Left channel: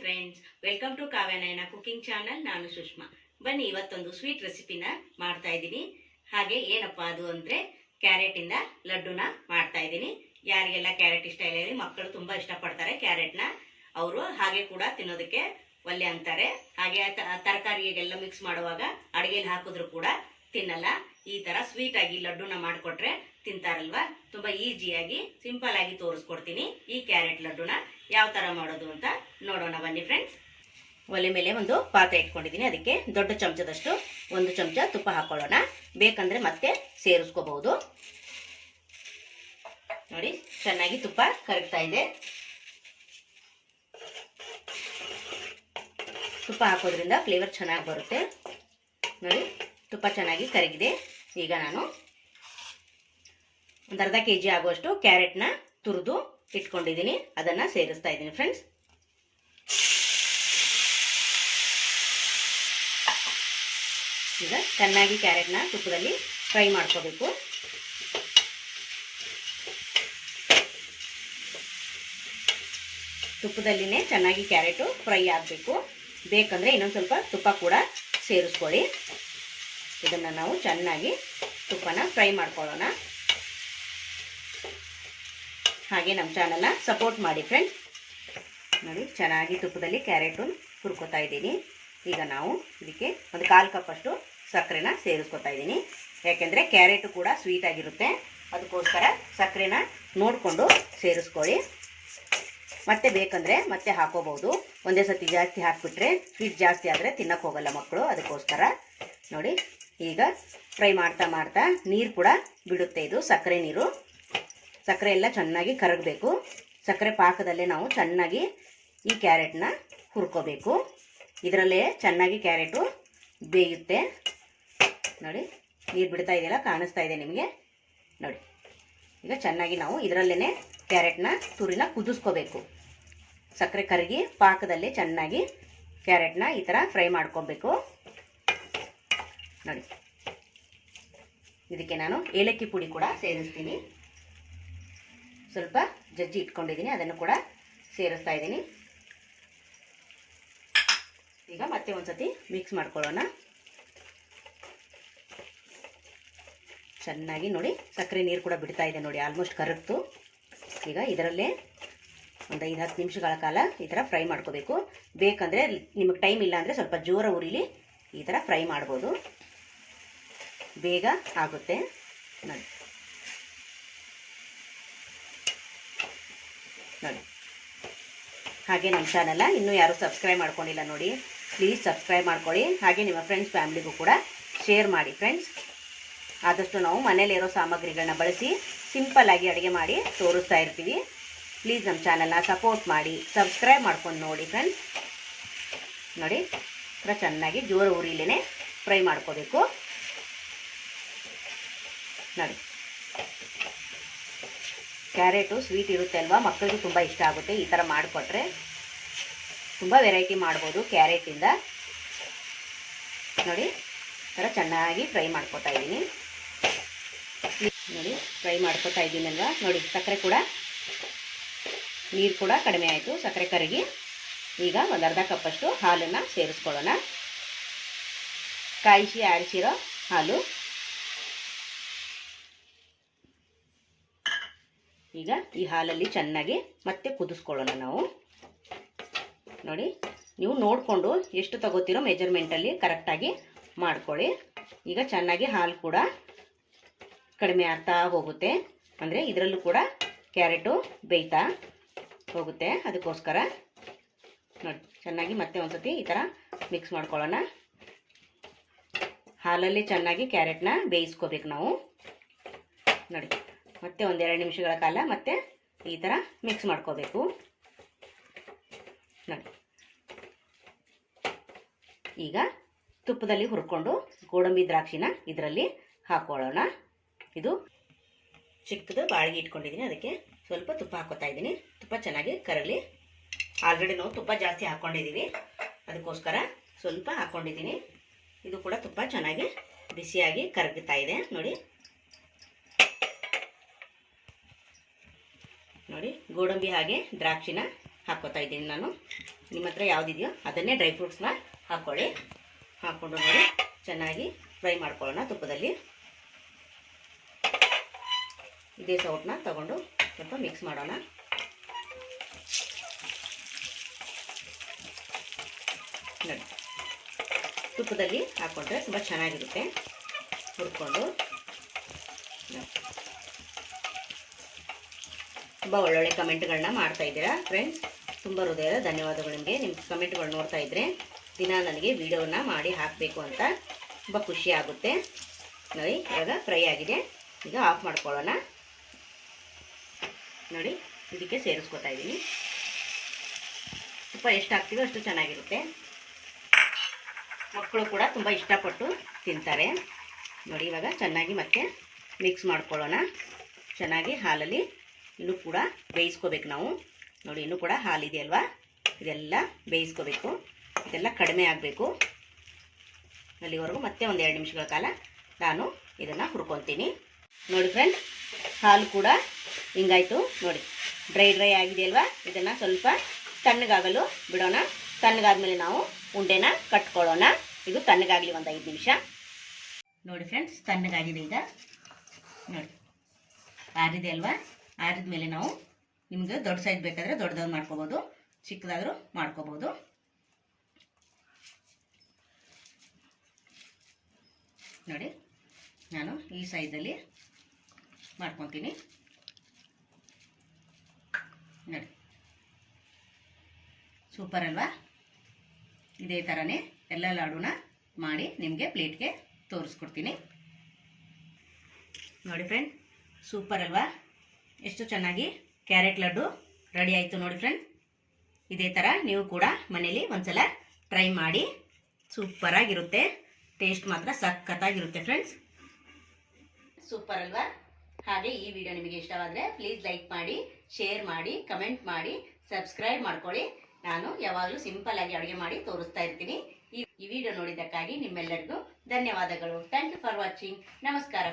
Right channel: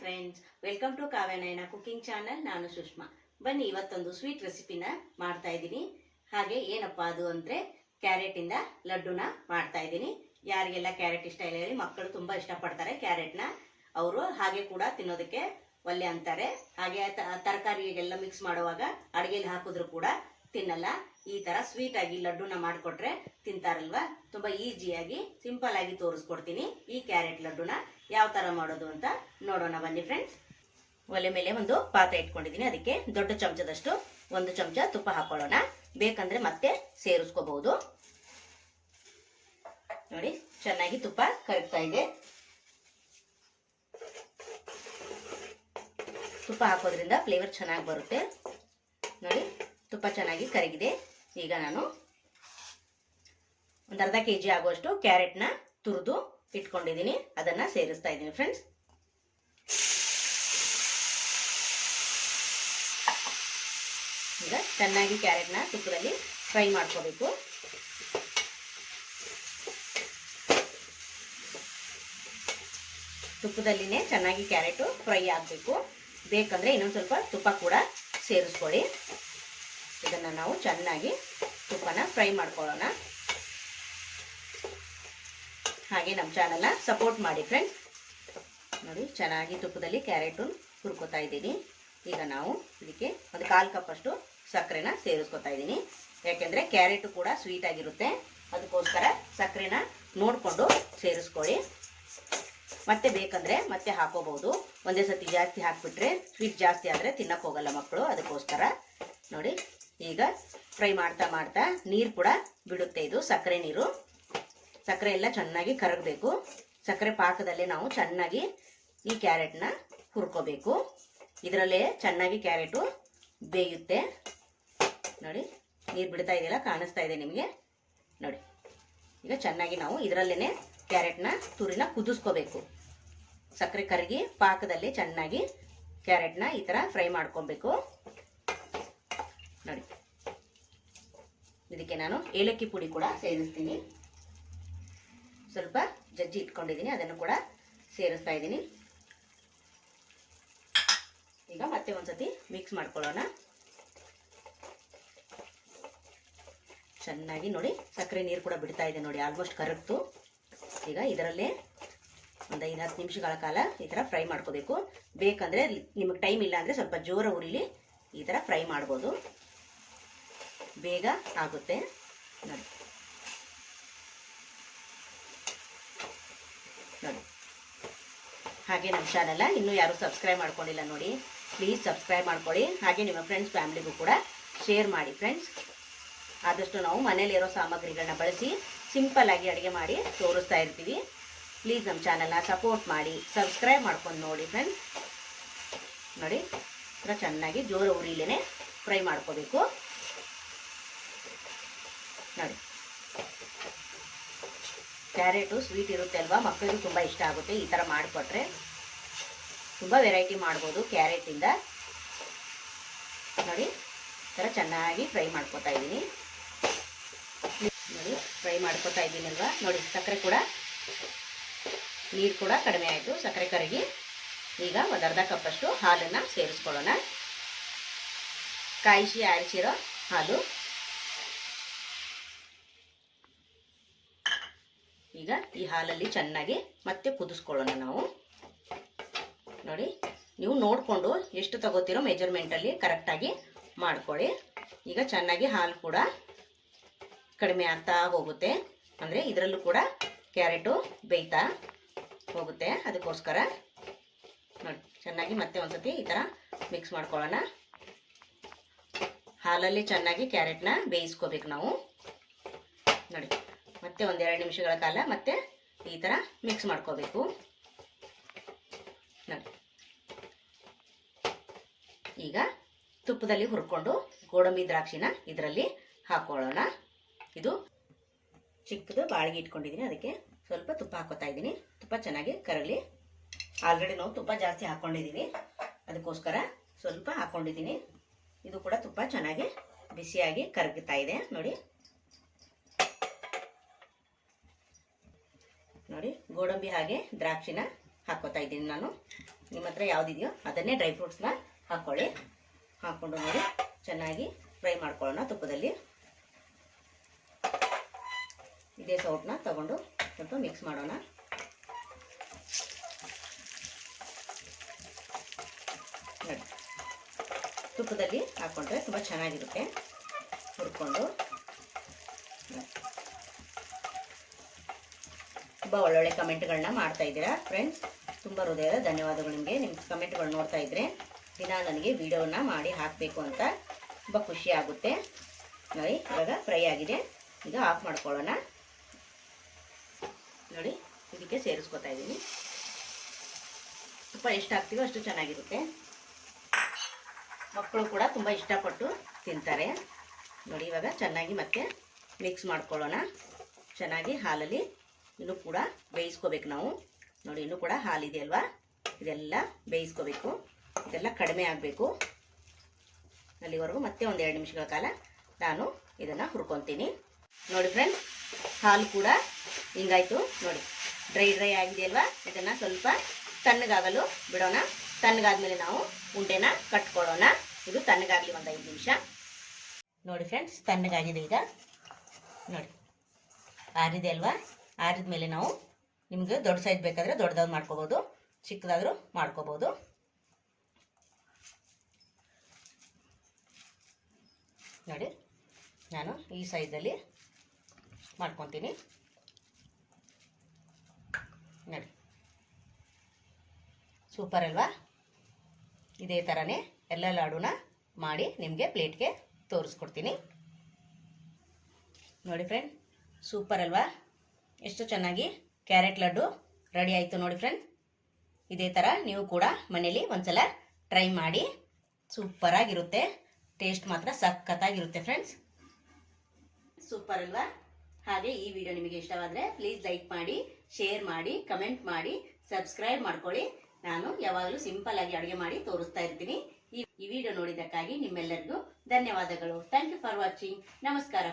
Friends, welcome to Kavyanayana cooking channel. ನಾನು ಸುಷ್ಮಾ. ಬನ್ನಿ, ಇವತ್ತೊಂದು ಸ್ವೀಟ್ ರೆಸಿಪಿನ ಮಾಡ್ತಾ ಇದ್ದೀನಿ. ಹಾಗೆ ಏನಪ್ಪಾ ಅದು ಅಂದರೆ ಕ್ಯಾರೆಟಿಂದ ಲಡ್ಡುನ ಮಾಡ್ತಾ ಇದ್ದೀನಿ. ಯಾರಿಗೆಲ್ಲ ಕ್ಯಾರೆಟ್ ಇಷ್ಟ ಇಲ್ಲ ಹೇಳಿ, ಮಕ್ಕಳು ತುಂಬ ಇಷ್ಟಪಡ್ತಾರೆ ಕ್ಯಾರೆಟ್ನ. ಅವರು ಹಾಗೆ ಕೂಡ ತಿನ್ನೋದಕ್ಕೆ ಒಳ್ಳೆ ಅಂತಾರೆ. ಹಾಗೆ ತರಕಾರಿಗೆಲ್ಲ ಮಿಕ್ಸ್ ಮಾಡುವಾಗ ಅಡುಗೆಲಿ ಹಾಕಿದ್ರು ಕೂಡ ತಿನ್ನಲ್ಲ. ಈ ಥರ ಸ್ವೀಟ್ ಆಗಿ ಲಡ್ಡುನ ಮಾಡಿಕೊಟ್ರೆ ತಿಂತಾರಲ್ವಾ. ತುಂಬ ಈಸಿಯಾಗಿ ಸಿಂಪಲ್ ಆಗಿ ತೋರಿಸ್ಕೊಡ್ತೀನಿ ಈ ಕ್ಯಾರೆಟ್ ಲಡ್ಡುನ ಯಾವ ಥರ ಮಾಡೋದು ಅಂತ ನೋಡೋಣ ಬನ್ನಿ ಫ್ರೆಂಡ್ಸ್. ಒಲೆ ಮೇಲೆ ಒಂದು ಪಾತ್ರೆ ಇಟ್ಕೊಂಡಿದ್ದೀನಿ. ಅದಕ್ಕೆ ದೊಡ್ಡ ಚಮಚದಷ್ಟು 1 ಚಮಚ ತುಪ್ಪ ಹಾಕೊಳ್ಳೋಣ. ಬೇಕಂದ್ರೆ ಮತ್ತೆ ಸೇರಿಸ್ಕೋಬಹುದು. ನೋಡಿ, ಚೆನ್ನಾಗಿ ತುಪ್ಪ ಕರಗ್ತಾ ಇದೆ. ತುಪ್ಪ ಹಾಕೋದ್ರಿಂದ ಫ್ಲೇವರ್ ಚೆನ್ನಾಗಿ ಬರುತ್ತೆ. ನೋಡಿ, ತುಪ್ಪ ಚೆನ್ನಾಗಿ ಕರಗಿದೆ. ಈಗ ನಾನು ಒಂದು ಅರ್ಧ kg ಆಗುವಷ್ಟು ಕ್ಯಾರೆಟ್ನ ತುರಿದು ಇಟ್ಕೊಂಡಿದ್ದೀನಿ. ಅದನ್ನು ಸೇರಿಸ್ತಾ ಇದ್ದೀನಿ ಫ್ರೆಂಡ್ಸ್. ಈಗ ಚೆನ್ನಾಗಿ ಕ್ಯಾರೆಟ್ನ ತುಪ್ಪದಲ್ಲಿ ಫ್ರೈ ಮಾಡ್ಕೋಬೇಕು. ತುಪ್ಪದಲ್ಲಿನೇ ಚೆನ್ನಾಗಿ ಕ್ಯಾರೆಟು ಫ್ರೈ ಆಗಬೇಕು. ಬೇಕಂದರೆ ಇನ್ನೊಂದು ಸ್ವಲ್ಪ ತುಪ್ಪ ಕೂಡ ಸೇರಿಸ್ಕೊಳ್ಳಿ. ಇದನ್ನು ನಾವು ಚೆನ್ನಾಗಿ ತುಪ್ಪನ ಫ್ರೈ ಮಾಡ್ಕೊಳ್ಳೋಣ. ಹಾಗೆ ನಮ್ಮ ಚಾನಲ್ನ ಸಪೋರ್ಟ್ ಮಾಡಿ ಫ್ರೆಂಡ್ಸ್. ನೋಡಿ, ಚೆನ್ನಾಗಿ ತುಪ್ಪದಲ್ಲಿ ಕ್ಯಾರೆಟು ಹುರ್ಕೋತಾ ಇದ್ದೀನಿ. ಈಗ ನಾವು ಇದಕ್ಕೆ ಒಂದು 1/4 ಕಪ್ ಅಷ್ಟು ಸಕ್ಕರೆನ ಸೇರಿಸ್ಕೊತಾ ಇದ್ದೀನಿ. ಯಾಕೆಂದರೆ ಕ್ಯಾರೆಟು ಕೂಡ ಸ್ವೀಟ್ ಆಗಿರುತ್ತೆ. ಅದಕ್ಕೋಸ್ಕರ ಸಕ್ಕರೆನ ನೋಡಿಕೊಂಡು ಸೇರಿಸ್ಕೊಳ್ಳಿ. ಮತ್ತೆ ಬೇಕಂದರೆ ಮತ್ತೆ ಹಾಕೋಬಹುದು. ಒಂದೇ ಸತಿ ಜಾಸ್ತಿ ಹಾಕಿಬಿಟ್ರೆ ಸ್ವೀಟ್ ಜಾಸ್ತಿ ಆದರೆ ತಿನ್ನಕ್ಕೆ ಹೋಗಲ್ಲ ಮಕ್ಕಳು. ಅದಕ್ಕೋಸ್ಕರ ನೋಡಿ, ಈಗ ಫ್ರೈ ಮಾಡ್ತಾ ಮಾಡ್ತಾ ನೀರು ಕೂಡ ಬಿಡುತ್ತೆ. ಇದು ಸಕ್ಕರೆ ನೀರು. ಸಕ್ಕರೆ ಎಲ್ಲ ಚೆನ್ನಾಗಿ ಕರಗಬೇಕು. ಸಕ್ಕರೆ ಪಾಕದಲ್ಲೇ ನಾವು ಚೆನ್ನಾಗಿ ಈ ಕ್ಯಾರೆಟ್ನ ಹುರ್ಕೋಬೇಕು. ಇದರಲ್ಲೇ ಚೆನ್ನಾಗಿ ಕ್ಯಾರೆಟು ಬೇಯುತ್ತೆ. ನೋಡಿ, ನೀರು ಬಿಡ್ತಾ ಇದೆಯಲ್ಲ, ಕಾಣಿಸ್ತಾ ಇದೆ ನಿಮಗೆ. ನೋಡಿ, ಈಗ ಚೆನ್ನಾಗಿ ನಾವು ಇದರಲ್ಲೇ ಕ್ಯಾರೆಟ್ನ ತುರಿನ ಕುದಿಸ್ಕೋಬೇಕು. ಸಕ್ಕರೆ ಕರಗಿ ಪಾಕದಲ್ಲಿ ಚೆನ್ನಾಗಿ ಕ್ಯಾರೆಟ್ನ ಈ ಥರ ಫ್ರೈ ಮಾಡ್ಕೋಬೇಕು. ನೋಡಿ, ಇದಕ್ಕೆ ನಾನು ಏಲಕ್ಕಿ ಪುಡಿ ಕೂಡ ಸೇರಿಸ್ತೀನಿ. ಸ್ವಲ್ಪ ಜಜ್ಜಿ ಇಟ್ಕೊಂಡಿದ್ದೀನಿ, ಅದನ್ನು ಕೂಡ ಸೇರಿಸ್ತಾ ಇದ್ದೀನಿ. ಈಗ ಮತ್ತೆ ಒಂದ್ಸತಿ ಮಿಕ್ಸ್ ಮಾಡ್ಕೊಳ್ಳೋಣ. ಚೆನ್ನಾಗಿ ನೋಡಿ, ಸಕ್ಕರೆ ನೀರು ಕೂಡ ಬಿಡ್ತಾ ಇದೆ. ನೋಡಿ, ಆಲ್ಮೋಸ್ಟ್ ಕರಗ್ತು. ಈಗ ಇದರಲ್ಲೇ ಒಂದು 5-10 ನಿಮಿಷಗಳ ಕಾಲ ಈ ಥರ ಫ್ರೈ ಮಾಡ್ಕೋಬೇಕು. ಬೇಕಂದರೆ ನಿಮಗೆ ಟೈಮ್ ಇಲ್ಲ ಅಂದರೆ ಸ್ವಲ್ಪ ಜೋರ ಉರಿಲಿ ಈ ಥರ ಫ್ರೈ ಮಾಡ್ಬೋದು, ಬೇಗ ಆಗುತ್ತೆ. ನೋಡಿ ನೋಡಿ, ಹಾಗೆ ನಮ್ಮ ಚಾನಲ್ನ ಇನ್ನೂ ಯಾರು ಸಬ್ಸ್ಕ್ರೈಬ್ ಮಾಡ್ಕೊಂಡಿಲ್ಲ ನೋಡಿ, ಪ್ಲೀಸ್ ಸಬ್ಸ್ಕ್ರೈಬ್ ಮಾಡ್ಕೊಳ್ಳಿ. ಹಾಗೆ ನಿಮ್ಮ ಫ್ರೆಂಡ್ಸ್ ಫ್ಯಾಮಿಲಿಗೂ ಕೂಡ ಶೇರ್ ಮಾಡಿ ಫ್ರೆಂಡ್ಸ್. ಆದಷ್ಟು ನಾವು ಮನೇಲಿರೋ ಸಾಮಗ್ರಿಗಳನ್ನ ಬಳಸಿ ಸಿಂಪಲ್ ಆಗಿ ಅಡುಗೆ ಮಾಡಿ ತೋರಿಸ್ತಾ ಇರ್ತೀವಿ. ಪ್ಲೀಸ್ ನಮ್ಮ ಚಾನಲ್ನ ಸಪೋರ್ಟ್ ಮಾಡಿ, ಸಬ್ಸ್ಕ್ರೈಬ್ ಮಾಡ್ಕೊಂಡು ನೋಡಿ ಫ್ರೆಂಡ್ಸ್. ನೋಡಿ, ಥರ ಚೆನ್ನಾಗಿ ಜೋರ ಉರಿಲೇನೆ ಫ್ರೈ ಮಾಡ್ಕೋಬೇಕು. ನೋಡಿ, ಕ್ಯಾರೆಟು ಸ್ವೀಟ್ ಇರುತ್ತೆ ಅಲ್ವಾ, ಮಕ್ಕಳಿಗೆ ತುಂಬ ಇಷ್ಟ ಆಗುತ್ತೆ. ಈ ಥರ ಮಾಡಿಕೊಟ್ರೆ ತುಂಬ ವೆರೈಟಿ ಮಾಡ್ಬೋದು ಕ್ಯಾರೆಟಿಂದ. ನೋಡಿ, ಥರ ಚೆನ್ನಾಗಿ ಫ್ರೈ ಮಾಡ್ಕೊತಾ ಇದ್ದೀನಿ. ನೋಡಿ, ಫ್ರೈ ಮಾಡ್ಕೊತಾ ಇದ್ದೀನಲ್ವ. ನೋಡಿ, ಸಕ್ಕರೆ ಕೂಡ ನೀರು ಕೂಡ ಕಡಿಮೆ ಆಯಿತು, ಸಕ್ಕರೆ ಕರಗಿ. ಈಗ ಒಂದು ಅರ್ಧ ಕಪ್ಪಷ್ಟು ಹಾಲನ್ನು ಸೇರಿಸ್ಕೊಳ್ಳೋಣ. ಕಾಯಿಸಿ ಆರಿಸಿರೋ ಹಾಲು. ಈಗ ಈ ಹಾಲಲ್ಲಿ ಚೆನ್ನಾಗಿ ಮತ್ತೆ ಕುದಿಸ್ಕೊಳ್ಳೋಣ ನಾವು. ನೋಡಿ, ನೀವು ನೋಡಿಕೊಂಡು ಎಷ್ಟು ತಗೋತೀರೋ ಮೆಜರ್ಮೆಂಟಲ್ಲಿ ಕರೆಕ್ಟಾಗಿ ಮಾಡ್ಕೊಳ್ಳಿ. ಈಗ ಚೆನ್ನಾಗಿ ಹಾಲು ಕೂಡ ಕಡಿಮೆ ಆಗ್ತಾ ಹೋಗುತ್ತೆ. ಅಂದರೆ ಇದರಲ್ಲೂ ಕೂಡ ಕ್ಯಾರೆಟು ಬೇಯ್ತಾ ಹೋಗುತ್ತೆ. ಅದಕ್ಕೋಸ್ಕರ ನೋಡಿ, ಚೆನ್ನಾಗಿ ಮತ್ತೆ ಒಂದ್ಸತಿ ಈ ಥರ ಮಿಕ್ಸ್ ಮಾಡ್ಕೊಳ್ಳೋಣ. ಹಾಲಲ್ಲಿ ಚೆನ್ನಾಗಿ ಕ್ಯಾರೆಟ್ನ ಬೇಯಿಸ್ಕೋಬೇಕು ನಾವು. ನೋಡಿ, ಮತ್ತೆ 1-2 ನಿಮಿಷಗಳ ಕಾಲ ಮತ್ತೆ ಈ ಥರ ಮಿಕ್ಸ್ ಮಾಡ್ಕೋಬೇಕು. ನೋಡಿ, ಈಗ ತುಪ್ಪದಲ್ಲಿ ಹುರ್ಕೊಂಡು ಗೋಡಂಬಿ ದ್ರಾಕ್ಷಿನ ಇದರಲ್ಲಿ ಹಾಕೊಳ್ಳೋಣ. ಇದು ಚಿಕ್ಕದು ಬಾಳಿಗೆ ಇಟ್ಕೊಂಡಿದ್ದೀನಿ, ಅದಕ್ಕೆ ಸ್ವಲ್ಪ ತುಪ್ಪ ಹಾಕೋತಾ ಇದ್ದೀನಿ. ತುಪ್ಪ ಚೆನ್ನಾಗಿ ಕರಗಲಿ. ಆಲ್ರೆಡಿ ನಾವು ತುಪ್ಪ ಜಾಸ್ತಿ ಹಾಕ್ಕೊಂಡಿದ್ದೀವಿ, ಅದಕ್ಕೋಸ್ಕರ ಸ್ವಲ್ಪ ಹಾಕ್ಕೊಂಡಿದ್ದೀನಿ. ಇದು ಕೂಡ ತುಪ್ಪ ಚೆನ್ನಾಗಿ ಬಿಸಿಯಾಗಿ ಕರಗುತ್ತಾ ಇದೆ. ನೋಡಿ, ನೋಡಿ ಗೋಡಂಬಿ ಹಾಗೆ ದ್ರಾಕ್ಷಿನ ಹಾಕ್ಕೋತಾ ಇದ್ದೀನಿ ನಾನು. ನಿಮ್ಮ ಹತ್ರ ಯಾವುದಿದೆಯೋ ಅದನ್ನೇ ಡ್ರೈ ಫ್ರೂಟ್ಸ್ನ ಹಾಕ್ಕೊಳ್ಳಿ. ಹಾಕ್ಕೊಂಡು ನೋಡಿ ಚೆನ್ನಾಗಿ ಫ್ರೈ ಮಾಡ್ಕೊಳ್ಳೋಣ ತುಪ್ಪದಲ್ಲಿ. ಇದೇ ಸೌಟನ್ನ ತಗೊಂಡು ಸ್ವಲ್ಪ ಮಿಕ್ಸ್ ಮಾಡೋಣ. ನೋಡಿ, ತುಪ್ಪದಲ್ಲಿ ಹಾಕ್ಕೊಂಡ್ರೆ ತುಂಬ ಚೆನ್ನಾಗಿರುತ್ತೆ. ಹುರ್ಕೊಂಡು ತುಂಬ ಒಳ್ಳೊಳ್ಳೆ ಕಮೆಂಟ್ಗಳನ್ನ ಮಾಡ್ತಾ ಇದ್ದೀರಾ ಫ್ರೆಂಡ್ಸ್. ತುಂಬ ಹೃದಯದ ಧನ್ಯವಾದಗಳು ನಿಮಗೆ. ನಿಮ್ಮ ಕಮೆಂಟ್ಗಳು ನೋಡ್ತಾ ಇದ್ದರೆ ದಿನ ನನಗೆ ವಿಡಿಯೋನ ಮಾಡಿ ಹಾಕಬೇಕು ಅಂತ ತುಂಬ ಖುಷಿ ಆಗುತ್ತೆ. ನೋಡಿ, ಇವಾಗ ಫ್ರೈ ಆಗಿದೆ. ಈಗ ಆಫ್ ಮಾಡ್ಕೊಳ್ಳೋಣ. ನೋಡಿ, ಇದಕ್ಕೆ ಸೇರಿಸ್ಕೊತಾ ಇದ್ದೀನಿ. ತುಪ್ಪ ಎಷ್ಟು ಹಾಕ್ತೀವೋ ಅಷ್ಟು ಚೆನ್ನಾಗಿರುತ್ತೆ. ಮಕ್ಕಳು ಕೂಡ ತುಂಬ ಇಷ್ಟಪಟ್ಟು ತಿಂತಾರೆ. ನೋಡಿ, ಇವಾಗ ಚೆನ್ನಾಗಿ ಮತ್ತೆ ಮಿಕ್ಸ್ ಮಾಡ್ಕೊಳ್ಳೋಣ. ಚೆನ್ನಾಗಿ ಹಾಲಲ್ಲಿ ಇನ್ನೂ ಕೂಡ ಬೇಯಿಸ್ಕೋಬೇಕು ನಾವು. ನೋಡಿ, ಇನ್ನೂ ಕೂಡ ಹಾಲಿದೆ ಅಲ್ವಾ, ಇದೆಲ್ಲ ಬೇಯಿಸ್ಕೋಬೇಕು. ಇದೆಲ್ಲ ಕಡಿಮೆ ಆಗಬೇಕು. ಅಲ್ಲಿವರೆಗೂ ಮತ್ತೆ ಒಂದು 2 ನಿಮಿಷಗಳ ಕಾಲ ನಾನು ಇದನ್ನು ಹುರ್ಕೊತೀನಿ. ನೋಡಿ ಫ್ರೆಂಡ್ಸ್, ಹಾಲು ಕೂಡ ಹಿಂಗಾಯ್ತು. ನೋಡಿ, ಡ್ರೈ ಆಗಿದೆಯಲ್ವಾ, ಇದನ್ನು ಸ್ವಲ್ಪ ತಣ್ಣಗಾಗಲು ಬಿಡೋಣ. ತಣ್ಣಗಾದ್ಮೇಲೆ ನಾವು ಉಂಡೆನ ಕಟ್ಕೊಳ್ಳೋಣ. ಇದು ತಣ್ಣಗಾಗಲಿ ಒಂದು 5 ನಿಮಿಷ. ನೋಡಿ ಫ್ರೆಂಡ್ಸ್, ತಣ್ಣಗಾಗಿದೆ. ಈಗ ನೋಡಿ, ಆರಿದೆ ಅಲ್ವಾ. ಆರಿದ ಮೇಲೆ ನಾವು ನಿಮ್ಗೆ ದೊಡ್ಡ ಸೈಜ್ ಬೇಕಾದರೆ ದೊಡ್ಡದಾದ್ರು ಮಾಡ್ಕೋಬೋದು, ಚಿಕ್ಕದಾದರೂ ಮಾಡ್ಕೋಬೋದು. ನೋಡಿ, ನಾನು ಈ ಸೈಜಲ್ಲಿ ಮಾಡ್ಕೊತೀನಿ. ನೋಡಿ, ಸೂಪರ್ ಅಲ್ವಾ. ಇದೇ ಥರನೇ ಎಲ್ಲ ಲಾಡುನ ಮಾಡಿ ನಿಮಗೆ ಪ್ಲೇಟ್ಗೆ ತೋರಿಸ್ಕೊಡ್ತೀನಿ. ನೋಡಿ ಫ್ರೆಂಡ್, ಸೂಪರ್ ಅಲ್ವಾ. ಎಷ್ಟು ಚೆನ್ನಾಗಿ ಕ್ಯಾರೆಟ್ ಲಡ್ಡು ರೆಡಿ ಆಯಿತು ನೋಡಿ ಫ್ರೆಂಡ್. ಇದೇ ಥರ ನೀವು ಕೂಡ ಮನೇಲಿ ಒಂದ್ಸಲ ಟ್ರೈ ಮಾಡಿ. ಸೂಪರಾಗಿರುತ್ತೆ. ಟೇಸ್ಟ್ ಮಾತ್ರ ಸಖತ್ತಾಗಿರುತ್ತೆ ಫ್ರೆಂಡ್ಸ್. ಸೂಪರ್ ಅಲ್ವಾ. ಹಾಗೆ ಈ ವಿಡಿಯೋ ನಿಮಗೆ ಇಷ್ಟವಾದರೆ ಪ್ಲೀಸ್ ಲೈಕ್ ಮಾಡಿ, ಶೇರ್ ಮಾಡಿ, ಕಮೆಂಟ್ ಮಾಡಿ, ಸಬ್ಸ್ಕ್ರೈಬ್ ಮಾಡ್ಕೊಳ್ಳಿ. ನಾನು ಯಾವಾಗಲೂ ಸಿಂಪಲ್ ಆಗಿ ಅಡುಗೆ ಮಾಡಿ ತೋರಿಸ್ತಾ ಇರ್ತೀನಿ. ಈ ವಿಡಿಯೋ ನೋಡಿದ್ದಕ್ಕಾಗಿ ನಿಮ್ಮೆಲ್ಲರಿಗೂ ಧನ್ಯವಾದಗಳು. Thank you for watching. ನಮಸ್ಕಾರ.